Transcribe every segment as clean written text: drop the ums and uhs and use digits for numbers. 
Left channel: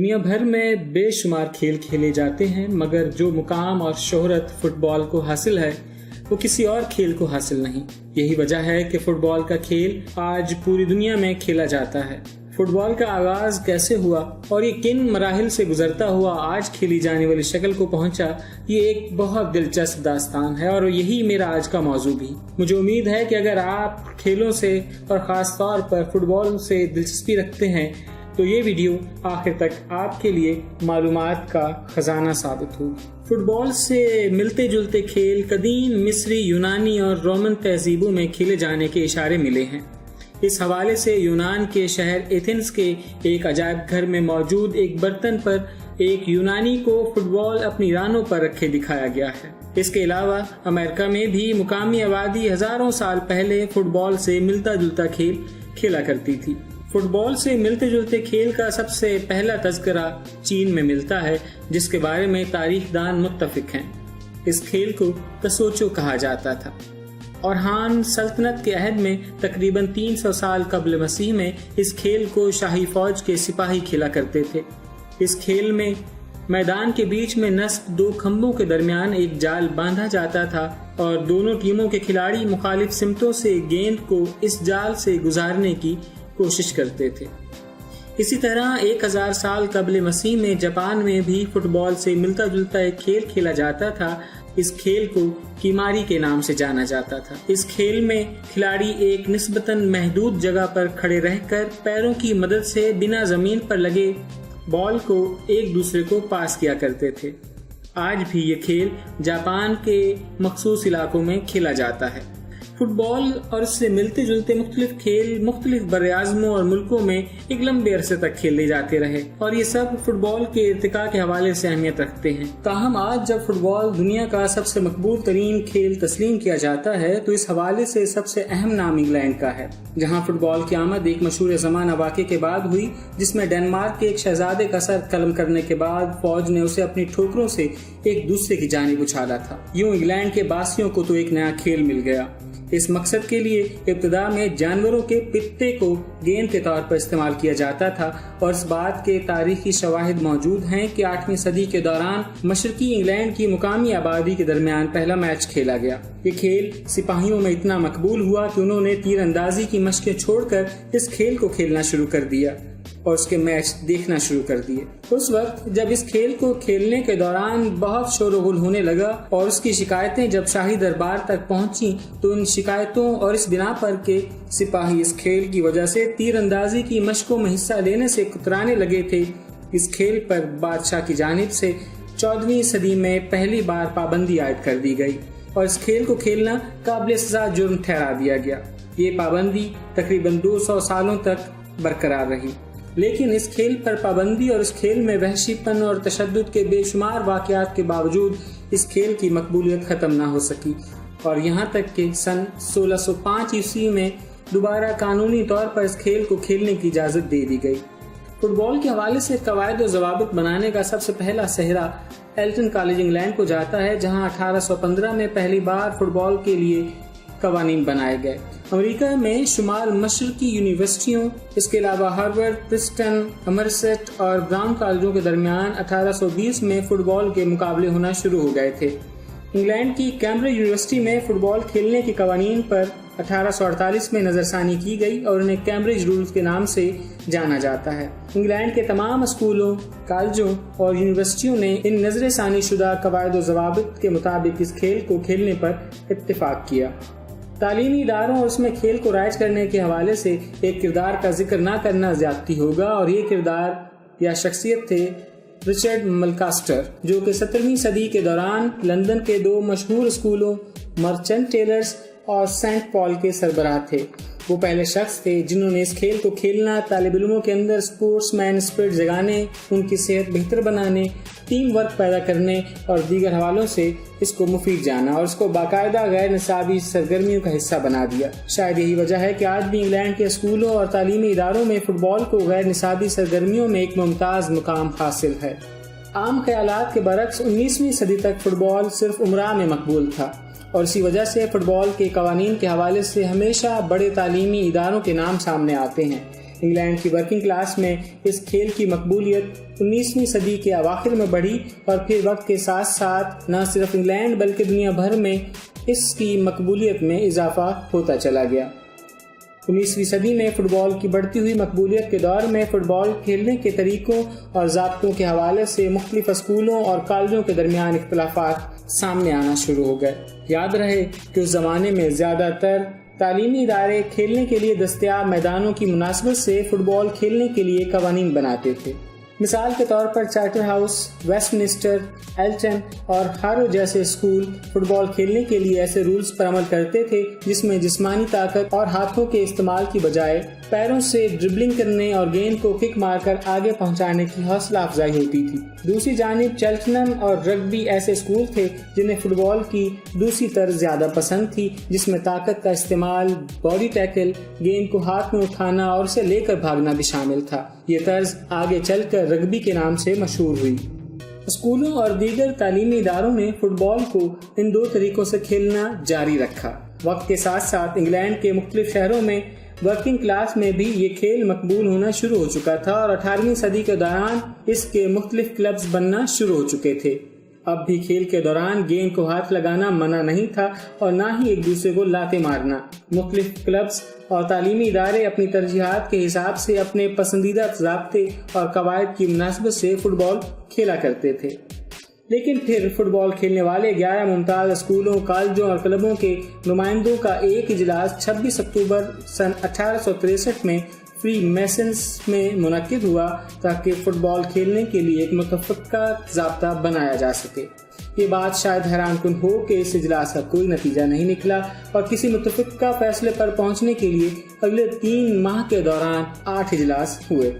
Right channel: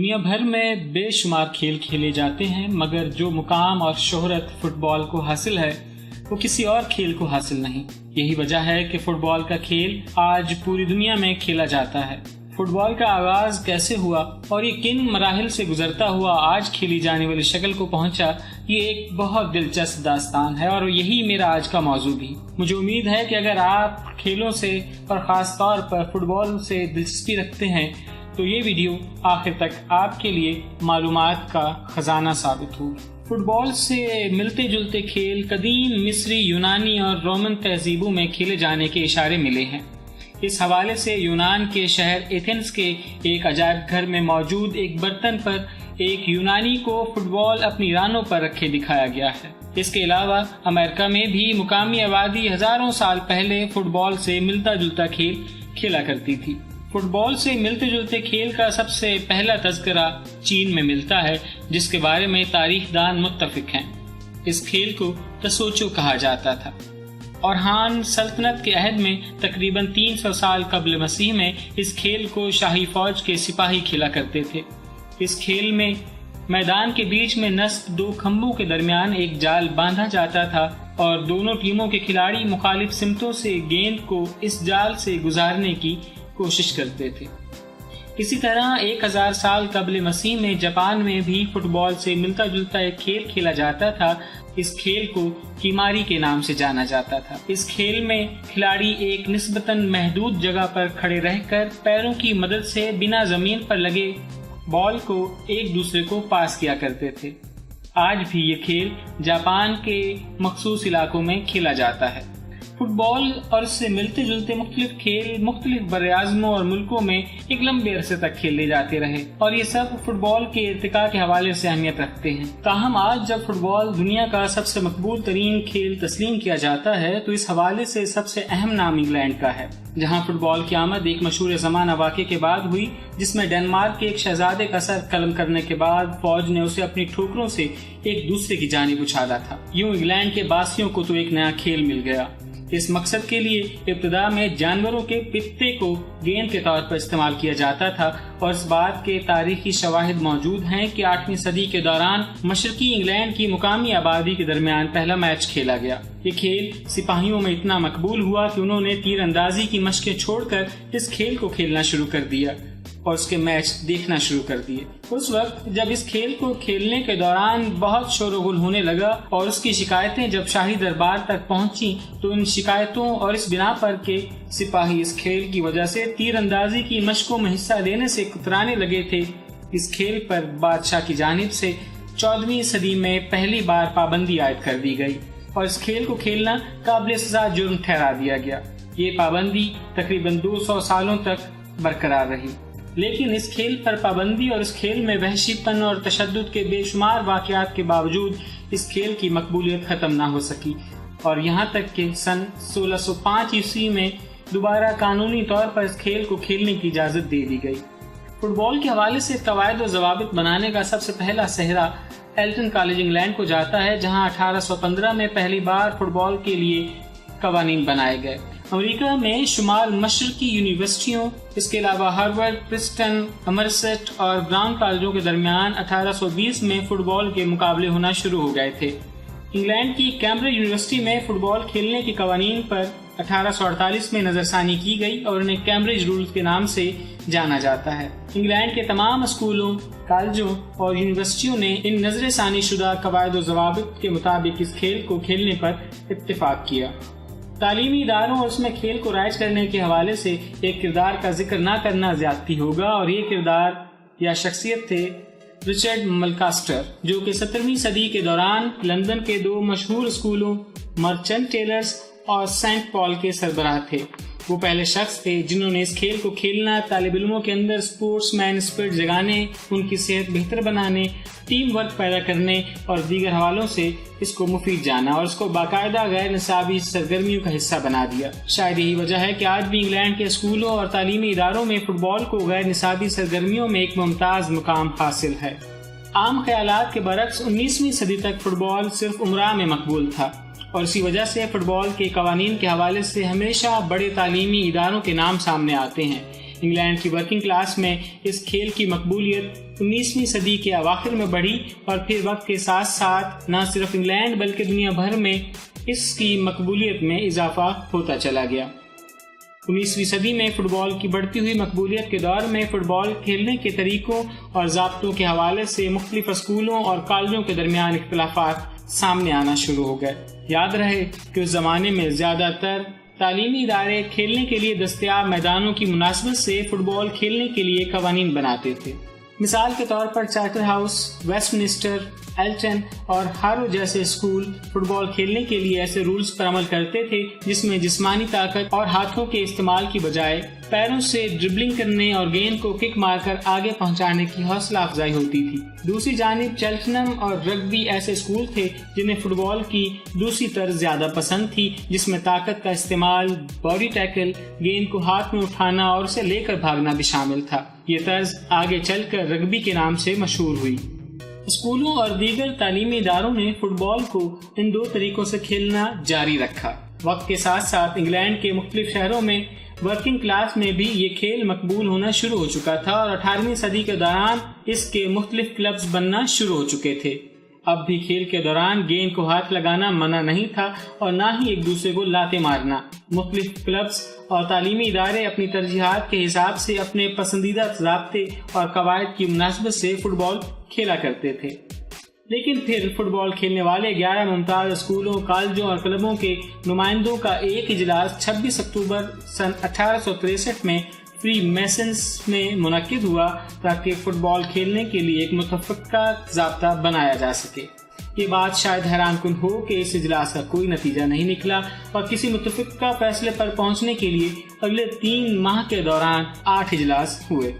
دنیا بھر میں بے شمار کھیل کھیلے جاتے ہیں، مگر جو مقام اور شہرت فٹ بال کو حاصل ہے وہ کسی اور کھیل کو حاصل نہیں۔ یہی وجہ ہے کہ فٹ بال کا کھیل آج پوری دنیا میں کھیلا جاتا ہے۔ فٹ بال کا آغاز کیسے ہوا اور یہ کن مراحل سے گزرتا ہوا آج کھیلی جانے والی شکل کو پہنچا، یہ ایک بہت دلچسپ داستان ہے اور یہی میرا آج کا موضوع بھی۔ مجھے امید ہے کہ اگر آپ کھیلوں سے اور خاص طور پر فٹ بال سے دلچسپی رکھتے ہیں تو یہ ویڈیو آخر تک آپ کے لیے معلومات کا خزانہ ثابت ہوگی۔ فٹ بال سے ملتے جلتے کھیل قدیم مصری، یونانی اور رومن تہذیبوں میں کھیلے جانے کے اشارے ملے ہیں۔ اس حوالے سے یونان کے شہر ایتھنز کے ایک عجائب گھر میں موجود ایک برتن پر ایک یونانی کو فٹ بال اپنی رانوں پر رکھے دکھایا گیا ہے۔ اس کے علاوہ امریکہ میں بھی مقامی آبادی ہزاروں سال پہلے فٹ بال سے ملتا جلتا کھیل کھیلا کرتی تھی۔ فٹ بال سے ملتے جلتے کھیل کا سب سے پہلا تذکرہ چین میں ملتا ہے، جس کے بارے میں تاریخ دان متفق ہیں۔ اس کھیل کو تسوچو کہا جاتا تھا اور ہان سلطنت کے عہد میں تقریباً 300 سال قبل مسیح میں اس کھیل کو شاہی فوج کے سپاہی کھیلا کرتے تھے۔ اس کھیل میں میدان کے بیچ میں نصب 2 کھمبوں کے درمیان ایک جال باندھا جاتا تھا اور دونوں ٹیموں کے کھلاڑی مخالف سمتوں سے گیند کو اس جال سے گزارنے کی کوشش کرتے تھے۔ اسی طرح 1000 سال قبل مسیح میں جاپان میں بھی فٹ بال سے ملتا جلتا ایک کھیل کھیلا جاتا تھا۔ اس کھیل کو کیماری کے نام سے جانا جاتا تھا۔ اس کھیل میں کھلاڑی ایک نسبتاً محدود جگہ پر کھڑے رہ کر پیروں کی مدد سے بنا زمین پر لگے بال کو ایک دوسرے کو پاس کیا کرتے تھے۔ آج بھی یہ کھیل جاپان کے مخصوص علاقوں میں کھیلا جاتا ہے۔ فٹ بال اور اس سے ملتے جلتے مختلف کھیل مختلف براعظموں اور ملکوں میں ایک لمبے عرصے تک کھیلے جاتے رہے اور یہ سب فٹ بال کے ارتقاء کے حوالے سے اہمیت رکھتے ہیں۔ تاہم آج جب فٹ بال دنیا کا سب سے مقبول ترین کھیل تسلیم کیا جاتا ہے تو اس حوالے سے سب سے اہم نام انگلینڈ کا ہے، جہاں فٹ بال کی آمد ایک مشہور زمانہ واقعے کے بعد ہوئی، جس میں ڈنمارک کے ایک شہزادے کا سر قلم کرنے کے بعد فوج نے اسے اپنی ٹھوکروں سے ایک دوسرے کی جانب اچھالا تھا۔ یوں انگلینڈ کے باسیوں کو تو ایک نیا کھیل مل گیا۔ اس مقصد کے لیے ابتدا میں جانوروں کے پتے کو گیند کے طور پر استعمال کیا جاتا تھا اور اس بات کے تاریخی شواہد موجود ہیں کہ 8ویں صدی کے دوران مشرقی انگلینڈ کی مقامی آبادی کے درمیان پہلا میچ کھیلا گیا۔ یہ کھیل سپاہیوں میں اتنا مقبول ہوا کہ انہوں نے تیر اندازی کی مشقیں چھوڑ کر اس کھیل کو کھیلنا شروع کر دیا اور اس کے میچ دیکھنا شروع کر دیے۔ اس وقت جب اس کھیل کو کھیلنے کے دوران بہت شور و غل ہونے لگا اور اس کی شکایتیں جب شاہی دربار تک پہنچیں تو ان شکایتوں اور اس بنا پر کہ سپاہی اس کھیل کی وجہ سے تیر اندازی کی مشقوں میں حصہ لینے سے کترانے لگے تھے، اس کھیل پر بادشاہ کی جانب سے 14ویں صدی میں پہلی بار پابندی عائد کر دی گئی اور اس کھیل کو کھیلنا قابل سزا جرم ٹھہرا دیا گیا۔ یہ پابندی تقریباً 200 سالوں تک برقرار رہی، لیکن اس کھیل پر پابندی اور اس کھیل میں وحشی پن اور تشدد کے بے شمار واقعات کے باوجود اس کھیل کی مقبولیت ختم نہ ہو سکی اور یہاں تک کہ سن 1605 عیسوی میں دوبارہ قانونی طور پر اس کھیل کو کھیلنے کی اجازت دے دی گئی۔ فٹ بال کے حوالے سے قواعد و ضوابط بنانے کا سب سے پہلا سہرا ایلٹن کالج انگلینڈ کو جاتا ہے، جہاں 1815 میں پہلی بار فٹ بال کے لیے قوانین بنائے گئے۔ امریکہ میں شمال مشرقی یونیورسٹیوں، اس کے علاوہ ہارورڈ، پرسٹن، امرسٹ اور براؤن کالجوں کے درمیان 1820 میں فٹ بال کے مقابلے ہونا شروع ہو گئے تھے۔ انگلینڈ کی کیمبرج یونیورسٹی میں فٹ بال کھیلنے کے قوانین پر 1848 میں نظر ثانی کی گئی اور انہیں کیمبرج رولز کے نام سے جانا جاتا ہے۔ انگلینڈ کے تمام اسکولوں، کالجوں اور یونیورسٹیوں نے ان نظر ثانی شدہ قواعد و ضوابط کے مطابق اس کھیل کو کھیلنے پر اتفاق کیا۔ تعلیمی اداروں اور اس میں کھیل کو رائج کرنے کے حوالے سے ایک کردار کا ذکر نہ کرنا زیادتی ہوگا اور یہ کردار یا شخصیت تھے رچرڈ ملکاسٹر، جو کہ 17ویں صدی کے دوران لندن کے 2 مشہور اسکولوں مرچنٹ ٹیلرز اور سینٹ پال کے سربراہ تھے۔ وہ پہلے شخص تھے جنہوں نے اس کھیل کو کھیلنا، طالب علموں کے اندر اسپورٹس مین اسپرٹ جگانے، ان کی صحت بہتر بنانے، ٹیم ورک پیدا کرنے اور دیگر حوالوں سے اس کو مفید جانا اور اس کو باقاعدہ غیر نصابی سرگرمیوں کا حصہ بنا دیا۔ شاید یہی وجہ ہے کہ آج بھی انگلینڈ کے اسکولوں اور تعلیمی اداروں میں فٹ بال کو غیر نصابی سرگرمیوں میں ایک ممتاز مقام حاصل ہے۔ عام خیالات کے برعکس 19ویں صدی تک فٹ بال صرف امراء میں مقبول تھا اور اسی وجہ سے فٹ بال کے قوانین کے حوالے سے ہمیشہ بڑے تعلیمی اداروں کے نام سامنے آتے ہیں۔ انگلینڈ کی ورکنگ کلاس میں اس کھیل کی مقبولیت 19ویں صدی کے اواخر میں بڑھی اور پھر وقت کے ساتھ ساتھ نہ صرف انگلینڈ بلکہ دنیا بھر میں اس کی مقبولیت میں اضافہ ہوتا چلا گیا۔ 19ویں صدی میں فٹ بال کی بڑھتی ہوئی مقبولیت کے دور میں فٹ بال کھیلنے کے طریقوں اور ضابطوں کے حوالے سے مختلف اسکولوں اور کالجوں کے درمیان اختلافات سامنے آنا شروع ہو گئے۔ یاد رہے کہ اس زمانے میں زیادہ تر تعلیمی ادارے کھیلنے کے لیے دستیاب میدانوں کی مناسبت سے فٹ بال کھیلنے کے لیے قوانین بناتے تھے۔ مثال کے طور پر Charterhouse, Westminster, Eton اور ہارو جیسے اسکول فٹ بال کھیلنے کے لیے ایسے رولز پر عمل کرتے تھے جس میں جسمانی طاقت اور ہاتھوں کے استعمال کی بجائے پیروں سے ڈربلنگ کرنے اور گیند کو کک مار کر آگے پہنچانے کی حوصلہ افزائی ہوتی تھی۔ دوسری جانب چیلٹنم اور رگبی ایسے اسکول تھے جنہیں فٹ بال کی دوسری طرز زیادہ پسند تھی، جس میں طاقت کا استعمال، باڈی ٹیکل، گیند کو ہاتھ میں اٹھانا اور اسے لے کر بھاگنا بھی شامل تھا۔ یہ طرز آگے چل کر رگبی کے نام سے مشہور ہوئی۔ اسکولوں اور دیگر تعلیمی اداروں نے فٹ بال کو ان دو طریقوں سے کھیلنا جاری رکھا۔ وقت کے ساتھ ساتھ انگلینڈ کے مختلف شہروں میں ورکنگ کلاس میں بھی یہ کھیل مقبول ہونا شروع ہو چکا تھا اور 18ویں صدی کے دوران اس کے مختلف کلبز بننا شروع ہو چکے تھے۔ اب بھی کھیل کے دوران گیند کو ہاتھ لگانا منع نہیں تھا اور نہ ہی ایک دوسرے کو لاتے مارنا۔ مختلف کلبز اور تعلیمی ادارے اپنی ترجیحات کے حساب سے اپنے پسندیدہ ضابطے اور قواعد کی مناسبت سے فٹ بال کھیلا کرتے تھے۔ لیکن پھر فٹ بال کھیلنے والے 11 ممتاز اسکولوں، کالجوں اور کلبوں کے نمائندوں کا ایک اجلاس 26 اکتوبر سن 1863 میں فری میسنز میں منعقد ہوا تاکہ فٹ بال کھیلنے کے لیے ایک متفقہ ضابطہ بنایا جا سکے۔ یہ بات شاید حیران کن ہو کہ اس اجلاس کا کوئی نتیجہ نہیں نکلا اور کسی متفقہ فیصلے پر پہنچنے کے لیے اگلے 3 ماہ کے دوران 8 اجلاس ہوئے۔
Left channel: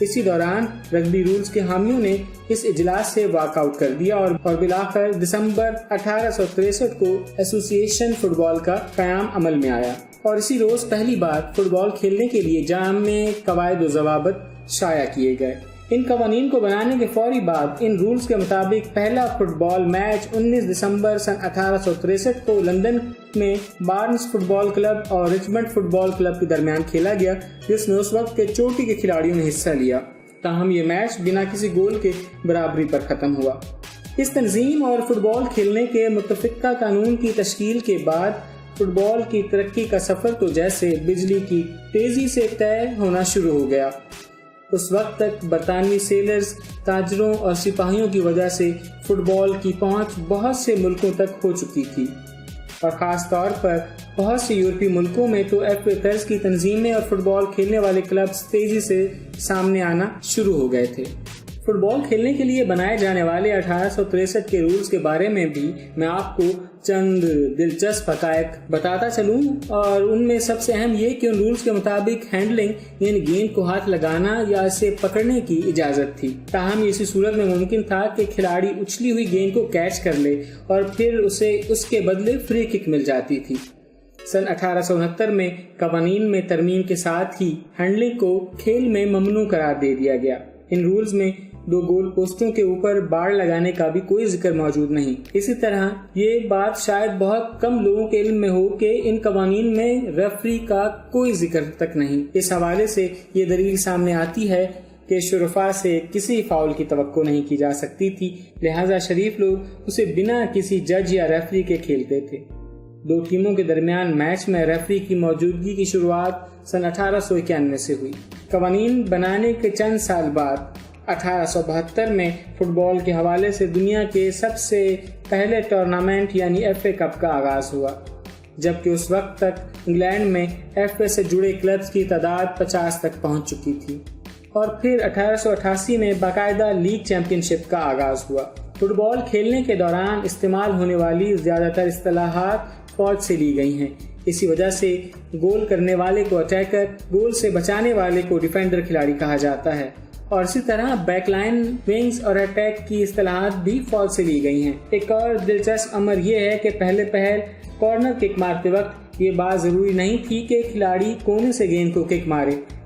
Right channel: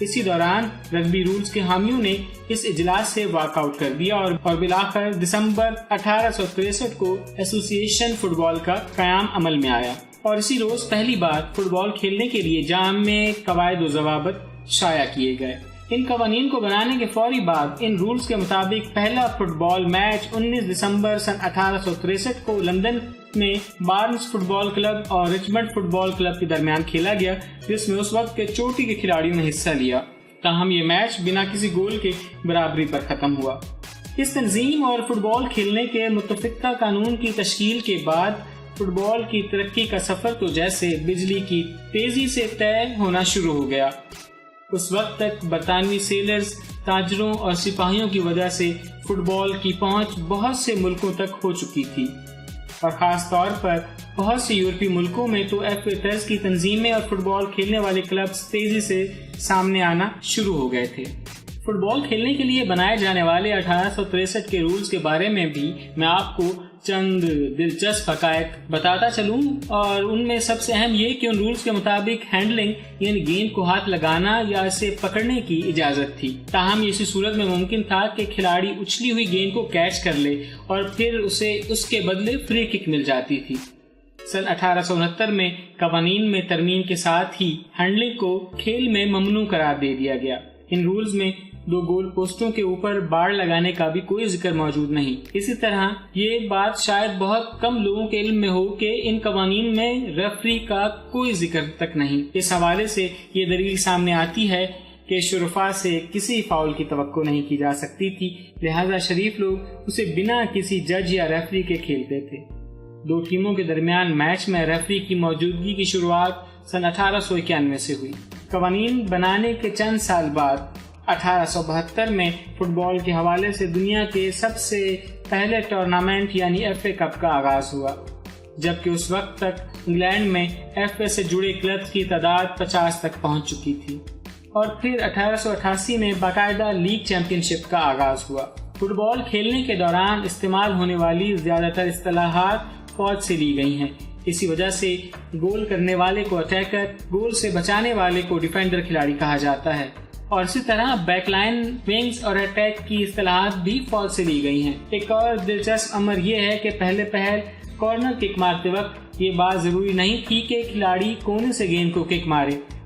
اسی دوران رگبی رولز کے حامیوں نے اس اجلاس سے واک آؤٹ کر دیا اور بالآخر دسمبر 1863 کو ایسوسی ایشن فٹ بال کا قیام عمل میں آیا اور اسی روز پہلی بار فٹ بال کھیلنے کے لیے جامع قواعد و ضوابط شائع کیے گئے۔ ان قوانین کو بنانے کے فوری بعد ان رولز کے مطابق پہلا فٹ بال میچ 19 دسمبر سن 1863 کو لندن میں بارنز فٹ بال کلب اور رچمنڈ فٹ بال کلب کے درمیان کھیلا گیا، جس میں اس وقت کے چوٹی کے کھلاڑیوں نے حصہ لیا۔ تاہم یہ میچ بنا کسی گول کے برابری پر ختم ہوا۔ اس تنظیم اور فٹ بال کھیلنے کے متفقہ قانون کی تشکیل کے بعد فٹ بال کی ترقی کا سفر تو جیسے بجلی کی تیزی سے طے ہونا شروع ہو گیا۔ اس وقت تک برطانوی سیلرز، تاجروں اور سپاہیوں کی وجہ سے فٹ بال کی پہنچ بہت سے ملکوں تک ہو چکی تھی اور خاص طور پر بہت سے یورپی ملکوں میں تو ایف اے طرز کی تنظیمیں اور فٹ بال کھیلنے والے کلبز تیزی سے سامنے آنا شروع ہو گئے تھے۔ فٹ بال کھیلنے کے لیے بنائے جانے والے 1863 کے رولز کے بارے میں بھی میں آپ کو چند دلچسپ حقائق بتاتا چلوں، اور ان میں سب سے اہم یہ کہ ان رولز کے مطابق ہینڈلنگ یعنی گیند کو ہاتھ لگانا یا اسے پکڑنے کی اجازت تھی۔ تاہم اسی صورت میں ممکن تھا کہ کھلاڑی اچھلی ہوئی گیند کو کیچ کر لے اور پھر اسے اس کے بدلے فری کک مل جاتی تھی۔ سن 1869 میں قوانین میں ترمیم کے ساتھ ہی ہینڈلنگ کو کھیل میں ممنوع قرار دے دیا گیا۔ ان رولز میں 2 گول پوسٹوں کے اوپر باڑ لگانے کا بھی کوئی ذکر موجود نہیں۔ اسی طرح یہ بات شاید بہت کم لوگوں کے علم میں ہو کہ ان قوانین میں ریفری کا کوئی ذکر تک نہیں۔ اس حوالے سے یہ دلیل سامنے آتی ہے کہ شرفاء سے کسی فاؤل کی توقع نہیں کی جا سکتی تھی، لہذا شریف لوگ اسے بنا کسی جج یا ریفری کے کھیلتے تھے۔ 2 ٹیموں کے درمیان میچ میں ریفری کی موجودگی کی شروعات سن 1891 سے ہوئی۔ قوانین بنانے کے چند سال بعد 1872 میں فٹ بال کے حوالے سے دنیا کے سب سے پہلے ٹورنامنٹ یعنی ایف اے کپ کا آغاز ہوا، جبکہ اس وقت تک انگلینڈ میں ایف اے سے جڑے کلبز کی تعداد 50 تک پہنچ چکی تھی، اور پھر 1888 میں باقاعدہ لیگ چیمپئن شپ کا آغاز ہوا۔ فٹ بال کھیلنے کے دوران استعمال ہونے والی زیادہ تر اصطلاحات فوج سے لی گئی ہیں۔ اسی وجہ سے گول کرنے والے کو اٹیکر، گول سے بچانے والے کو ڈیفینڈر کھلاڑی کہا جاتا ہے، اور اسی طرح بیک لائن، ونگز اور اٹیک کی اصطلاحات بھی فوج سے لی گئی ہیں۔ ایک اور دلچسپ امر یہ ہے کہ پہلے پہل کارنر کک مارتے وقت یہ بات ضروری نہیں تھی کہ کھلاڑی کونے سے گیند کو کک مارے،